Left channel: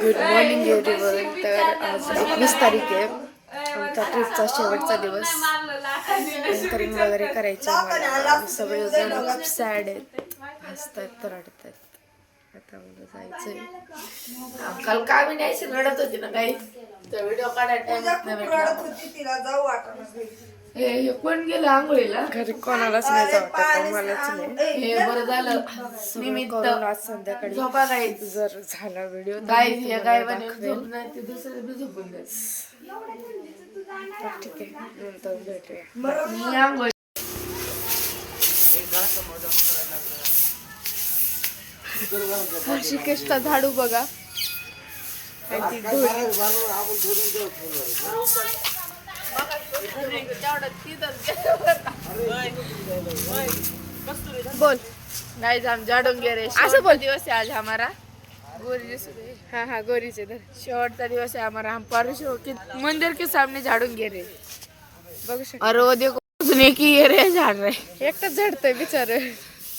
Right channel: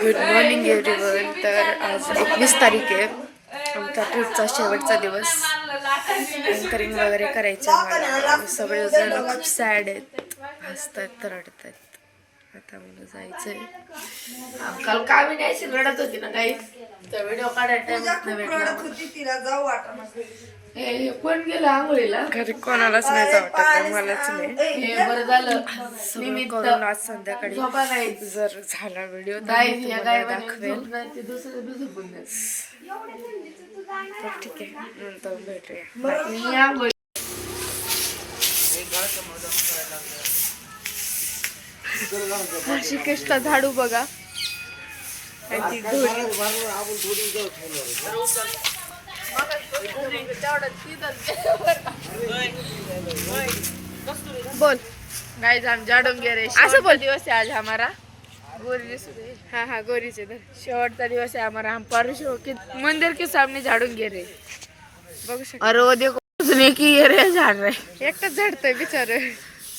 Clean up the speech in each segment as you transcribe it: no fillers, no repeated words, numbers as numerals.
Good morning everyone. तर आज 21 तारीख आहे. आमचा ट्रिपचा शेवटचा दिवस. अँकरिंग वगैरे करायचं मला. सगळेजण खूप सॅड आहेत, हसतात, रडतात. आता मला जायचंय. काल कामी नाही रडत होती ना काही तर व्हिडिओ काढायला हे कोण गेलं आंघोळीला? घरी कोणालाच नाही जाऊ वाटत, मलाच नाही. हे बरं झालं निमित्त करून आज संध्याकाळी जर झाला व्हिडिओ तर दाखवेल. तर ठीक आहे, नंतर भेटूया. ऋषिकेशचा झाडू बघा. त्यांची ढोली. बोल गाइस हम झाड़ूंगे रे. असं बोल. दिवस है आज हमारा गोरी हाँ गोरीचे धर. शेवटचा दिवस है हमारा. हम परसों के मंदिर के सामने झाड़ूंगे रे. बघू शकता. और वो देखो उसने की ये रे झाड़ रहे एकटाच झडतोय बिचार.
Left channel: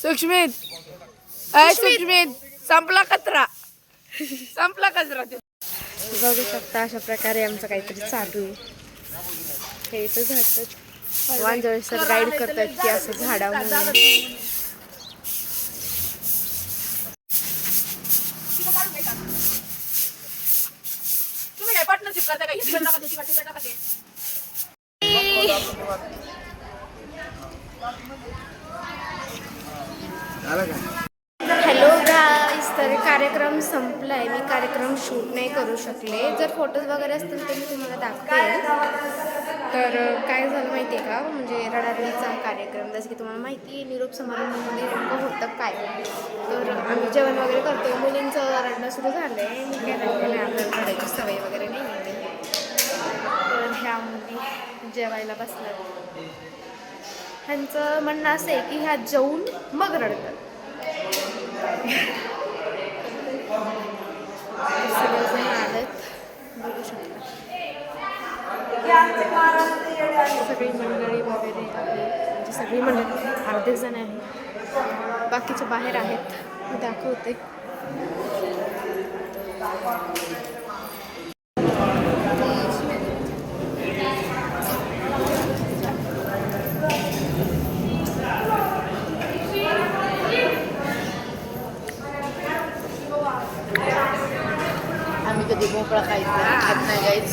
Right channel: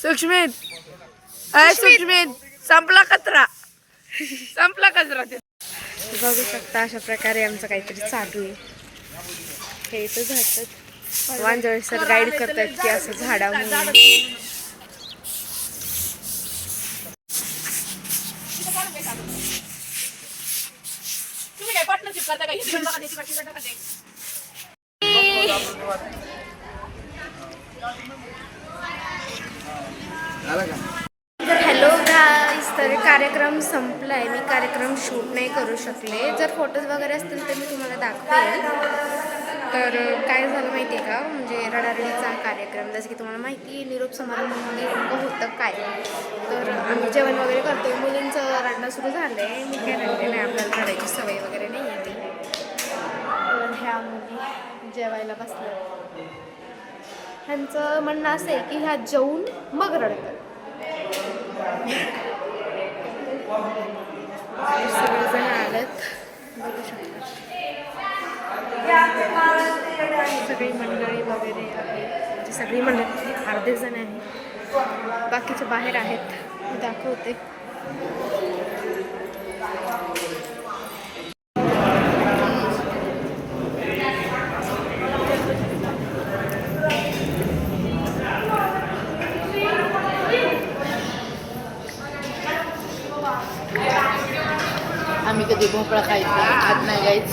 सुष्मित अय सुष्मित संपला कचरा संपला कचरा. बघू शकता अशा प्रकारे आमचं काहीतरी चालू आहे. हे इथं झाडतात. वांजळे सर गाईड करतात की असं झाडा म्हणून. हॅलो गाईस. तर कार्यक्रम संपलाय. मी कार्यक्रम शूट नाही करू शकले. जर फोटोज वगैरे असतील तर मी तुम्हाला दाखवेल. तर काय झालं माहिती आहे का, म्हणजे रडारडीचा कार्यक्रम, जसं की तुम्हाला माहिती आहे निरोप समारंभामध्ये नेमकं होतं काय. तर आम्ही जेवण वगैरे करतो. मुलींचं रडणं सुरू झालं आहे. मी काय रडले नाही, आपल्याला रडायची सवय वगैरे नाही आहे. तर ह्या मुली जेवायला बसल्या. ह्यांचं म्हणणं असं आहे की ह्या जेवून मग रडतात. सगळेजण आलेत, बघू शकता. सगळी मंडळी वगैरे आहे, म्हणजे सगळी मंडळी, अर्धे जण आहे, बाकीचे बाहेर आहेत. मी दाखवते. आम्ही कधी भोपळा खायचं खात नाही गाईच.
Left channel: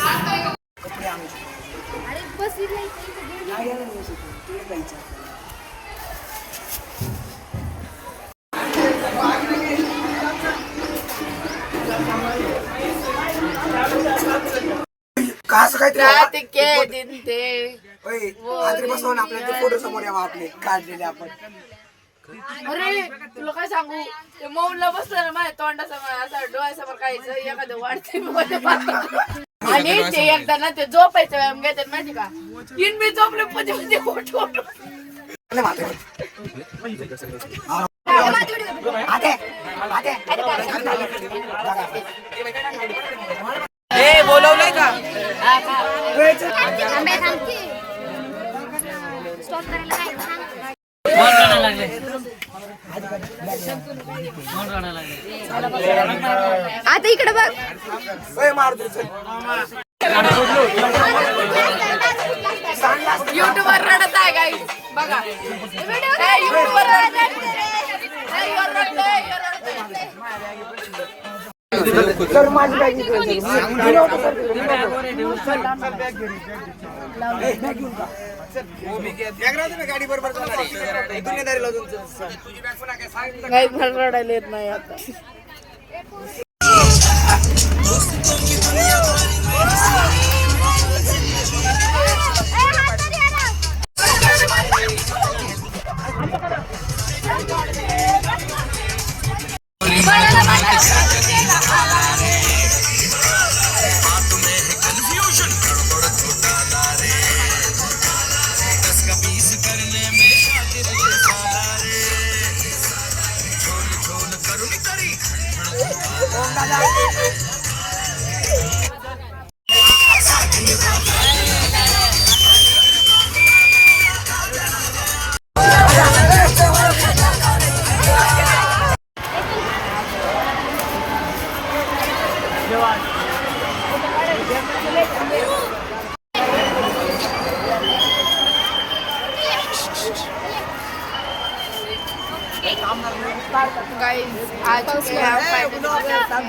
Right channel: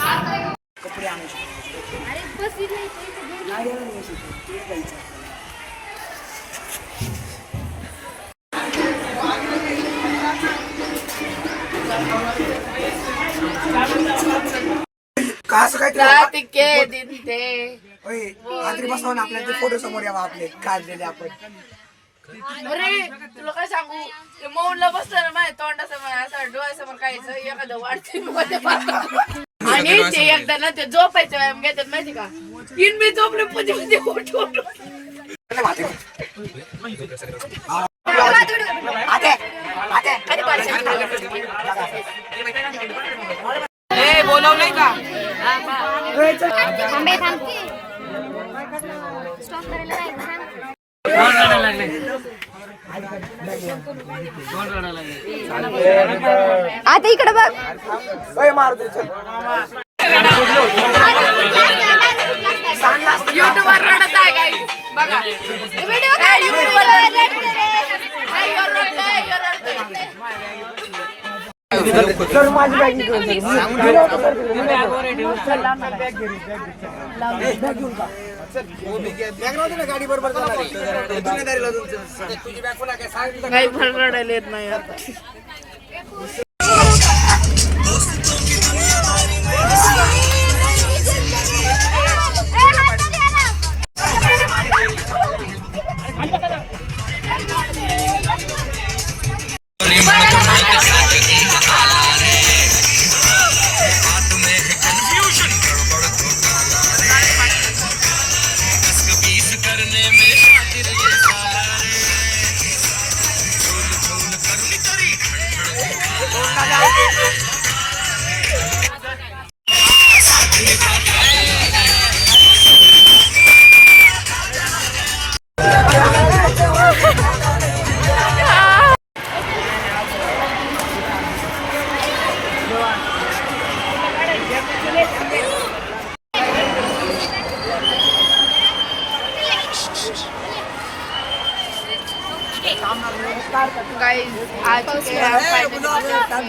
रात के दिन थे फोटो समोर यावा आपले काढलेले आपण. अरे तुला काय सांगू, ते मौनला बसलं ना माझ्या तोंडासमोर असं डोळ्यासमोर काहीच एखादं वाढते. आणि ते एकदा ना ते झोपायचं व्यायाम घेतात माहिती का. तीन मी झोपले मध्ये फोटो. बोलवलंय का? आता इकडे बघ. युट्यूबवर रडत आहे गाई बघा. गाडी बरोबर काही पण रडायला येत नाही आता. गाइस आज फायनली